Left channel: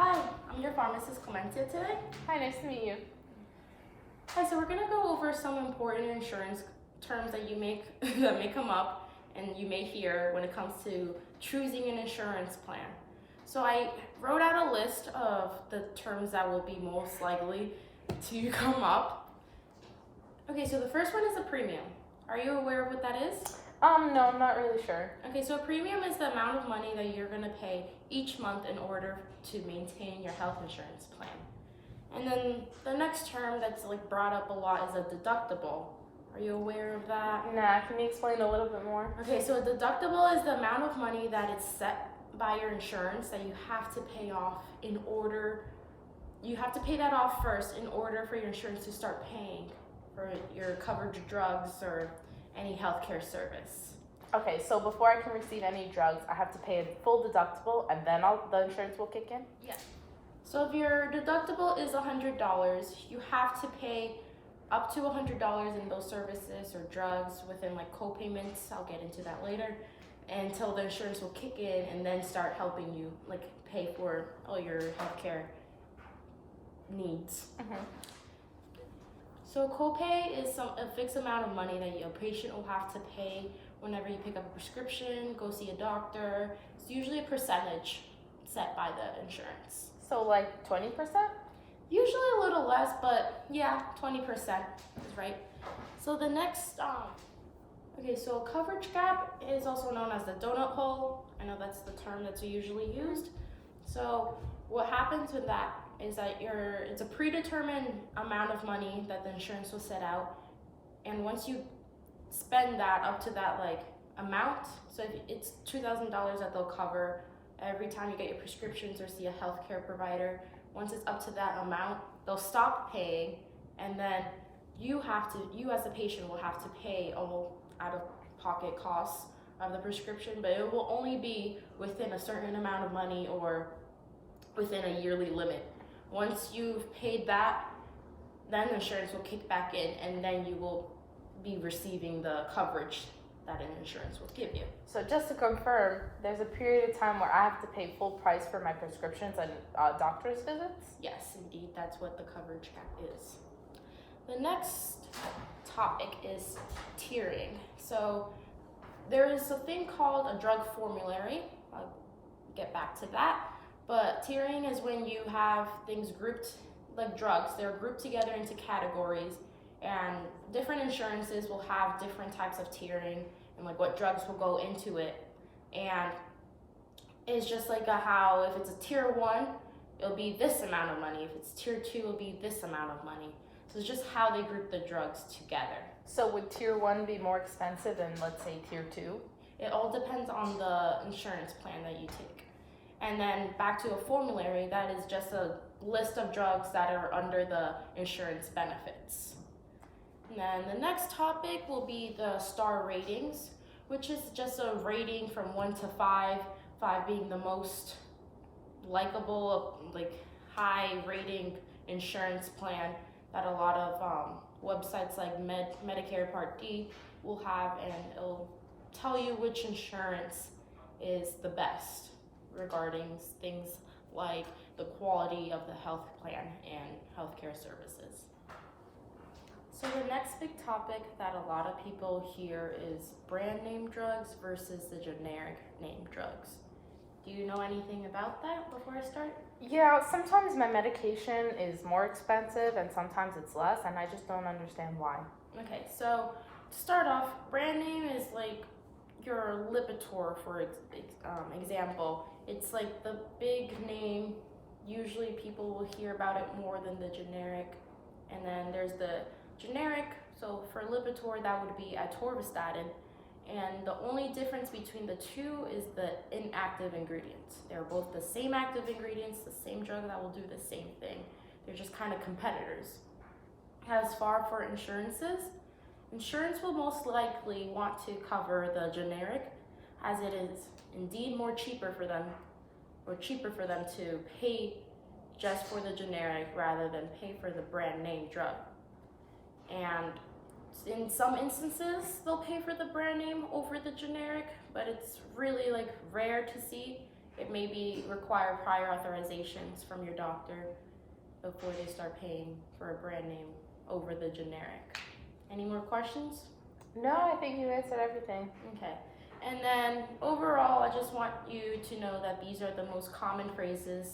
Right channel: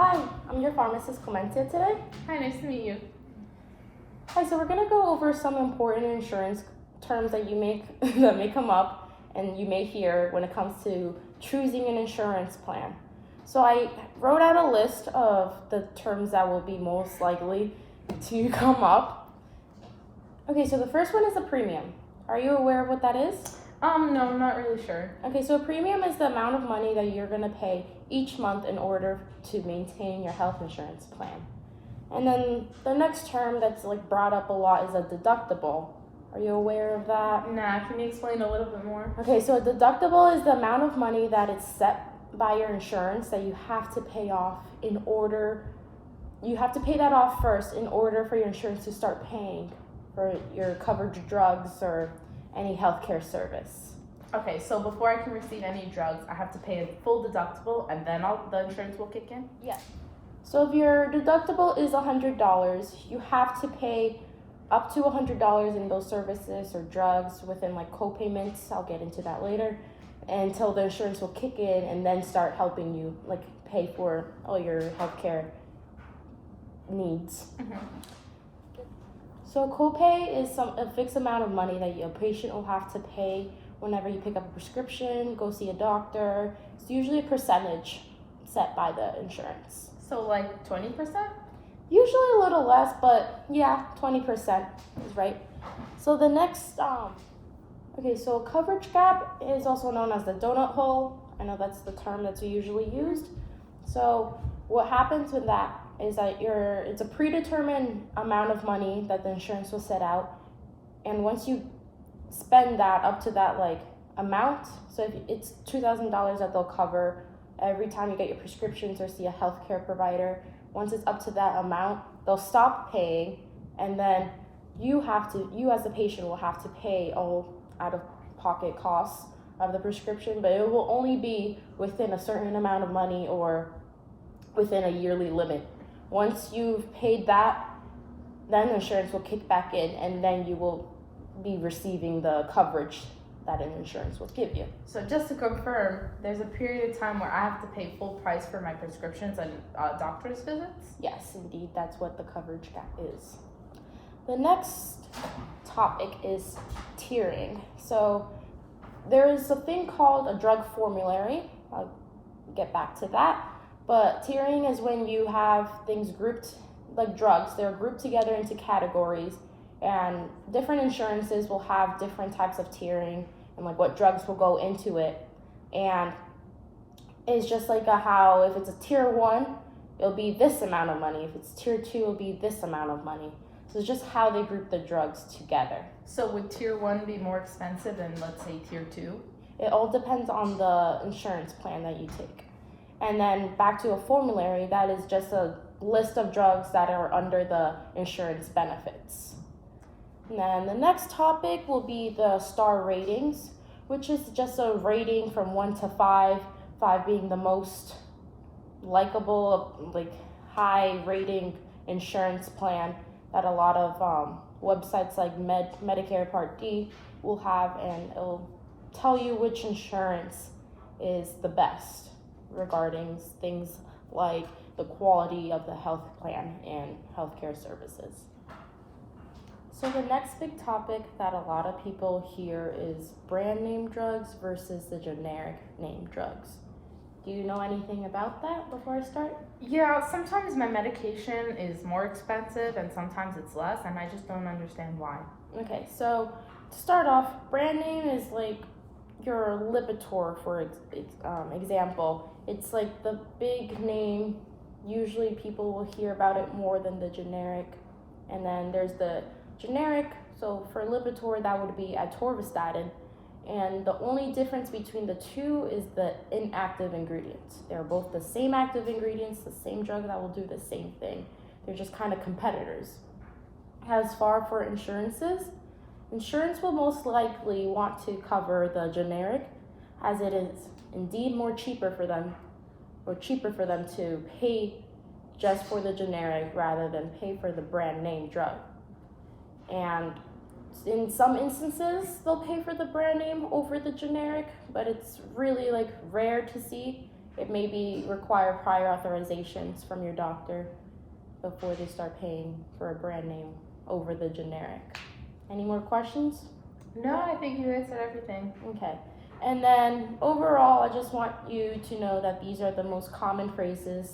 Hi, I'm your pharmacist Clemencia today. Hi, nice to meet you. Hi, so we're gonna go over some important insurance terms that that may come up and you may hear when it comes to choosing an insurance plan. So I wrote out a list of the terms that will be most likely to come up. Okay, so the first one is a premium. Are you aware of what that is? No, I'm not really sure. Okay, so a premium is the amount of money that you're gonna pay each month in order to maintain your health insurance plan. And then the next term that's brought up a lot is a deductible. Are you aware of that? Nah, can you explain a little bit more? Okay, so a deductible is the amount of money that is set by your insurance that you have to pay off you have to pay that off first in order for your insurance to start paying for your covered drugs or any healthcare service. Okay, so before I can receive any drugs, I have to pay a full deductible and then the insurance will kick in? Yes. So if your deductible is $100, you have to pay up to $100 in those services or drugs within co-payments. I'll get into that later, until the insurance will kick in and then start helping you pay for all your healthcare needs. So copay is a fixed amount of money that a patient will have to pay whenever you pick up a prescription, go see a doctor. It's usually a percentage set by the insurance. So 20%? Usually a little less, but yeah, 20% is right. So the next, so coverage gap is also known as the donut hole. I know that's the term that's usually used. So what happens with that is that it's a predetermined amount of money that the insurance will set out. And once you spend that up to that amount, so if it's $2,000 that they'll cover every time you get your prescriptions or see a healthcare provider, once it's up to that amount, they'll stop paying, and then you as a patient will have to pay all out-of-pocket costs of the prescription, but it will only be within a certain amount of money or within a yearly limit. Once you've paid that, then the insurance will kick back in, and then you will be receiving the coverage that an insurance will give you. So just to confirm, there's a period of time where I have to pay full price for my prescriptions and doctor's visits? Yes, indeed, that's what the coverage gap is. The next topic is tiering. So there is a thing called a drug formulary. I'll get back to that. But tiering is when you have things grouped, like drugs, they're grouped together into categories, and different insurances will have different types of tiering and what drugs will go into it. And it's just how if it's a tier 1, it'll be this amount of money. If it's tier 2, it'll be this amount of money. So it's just how they group the drugs together. So would tier 1 be more expensive than, let's say, tier 2? It all depends on the insurance plan that you take. And then back to a formulary, that is just a list of drugs that are under the insurance benefits. And then the next topic will be the star ratings, which is just a rating from 1 to 5, 5 being the most likable, high rating insurance plan that a lot of websites like Medicare Part D will have, and it'll tell you which insurance is the best regarding things like the quality of the health plan and healthcare services. So the next big topic that a lot of people hear is brand name drugs versus the generic name drugs. Do you know anything about that before I start? Yeah, sometimes my medication is more expensive and sometimes it's less, and I just don't understand why. Okay, so to start off, brand name is your Lipitor, for example. It's the big name. Usually people will hear about it more than the generic. And then there's the generic. So for Lipitor, that would be atorvastatin. And the only difference between the two is the inactive ingredients. They're both the same active ingredients, the same drug that will do the same thing. They're just kind of competitors. As far for insurances, insurance will most likely want to cover the generic, as it is indeed cheaper for them to pay just for the generic rather than pay for the brand name drug. And in some instances, they'll pay for the brand name over the generic, but it's really rare to see. it may be require prior authorizations from your doctor before they start paying for a brand name over the generic. Any more questions? No, I think you answered everything. Okay. And then overall, I just want you to know that these are the most common phrases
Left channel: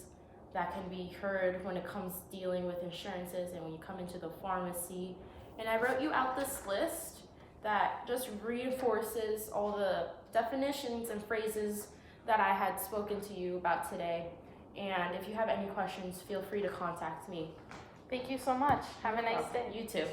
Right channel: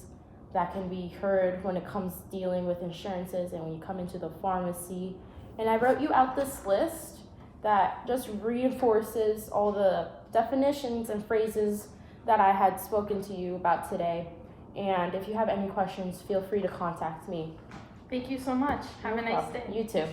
that can be heard when it comes dealing with insurances and when you come into the pharmacy. And I wrote you out this list that just reinforces all the definitions and phrases that I had spoken to you about today. And if you have any questions, feel free to contact me. Thank you so much. Have a nice day. You too.